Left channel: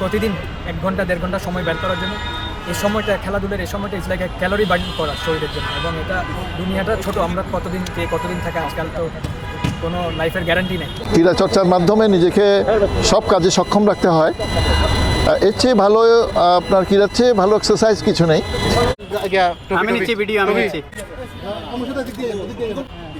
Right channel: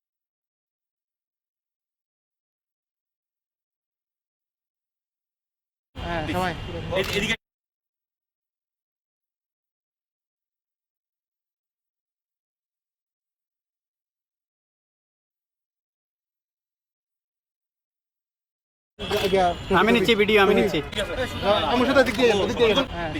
প্রতিদিন এক ঘণ্টা দেড় ঘণ্টা সময় বের করার জন্য। এই সময়টা খেলাধুলার এই সময়টা ইজ লাইক ক্যালোরি বার্ন করা শরীরের জন্য। এবং এটা দুনিয়াটা ছোট আমরা কতদিন কে কতদিন থাকে আজকাল তো কোনো লাইফের গ্যারান্টি নেই। ক্রীড়া চর্চার মাধ্যমে নিজেকে সব কাজে সক্ষম রাখতে হয়। এর চেয়ে ভালো আপনার ক্রীড়ার চেয়ে ভালো এক্সারসাইজ কিছু নেই। আমি নিচ্ছি ভিডিও আমি নিচ্ছি। আমার সাথে। হ্যাঁ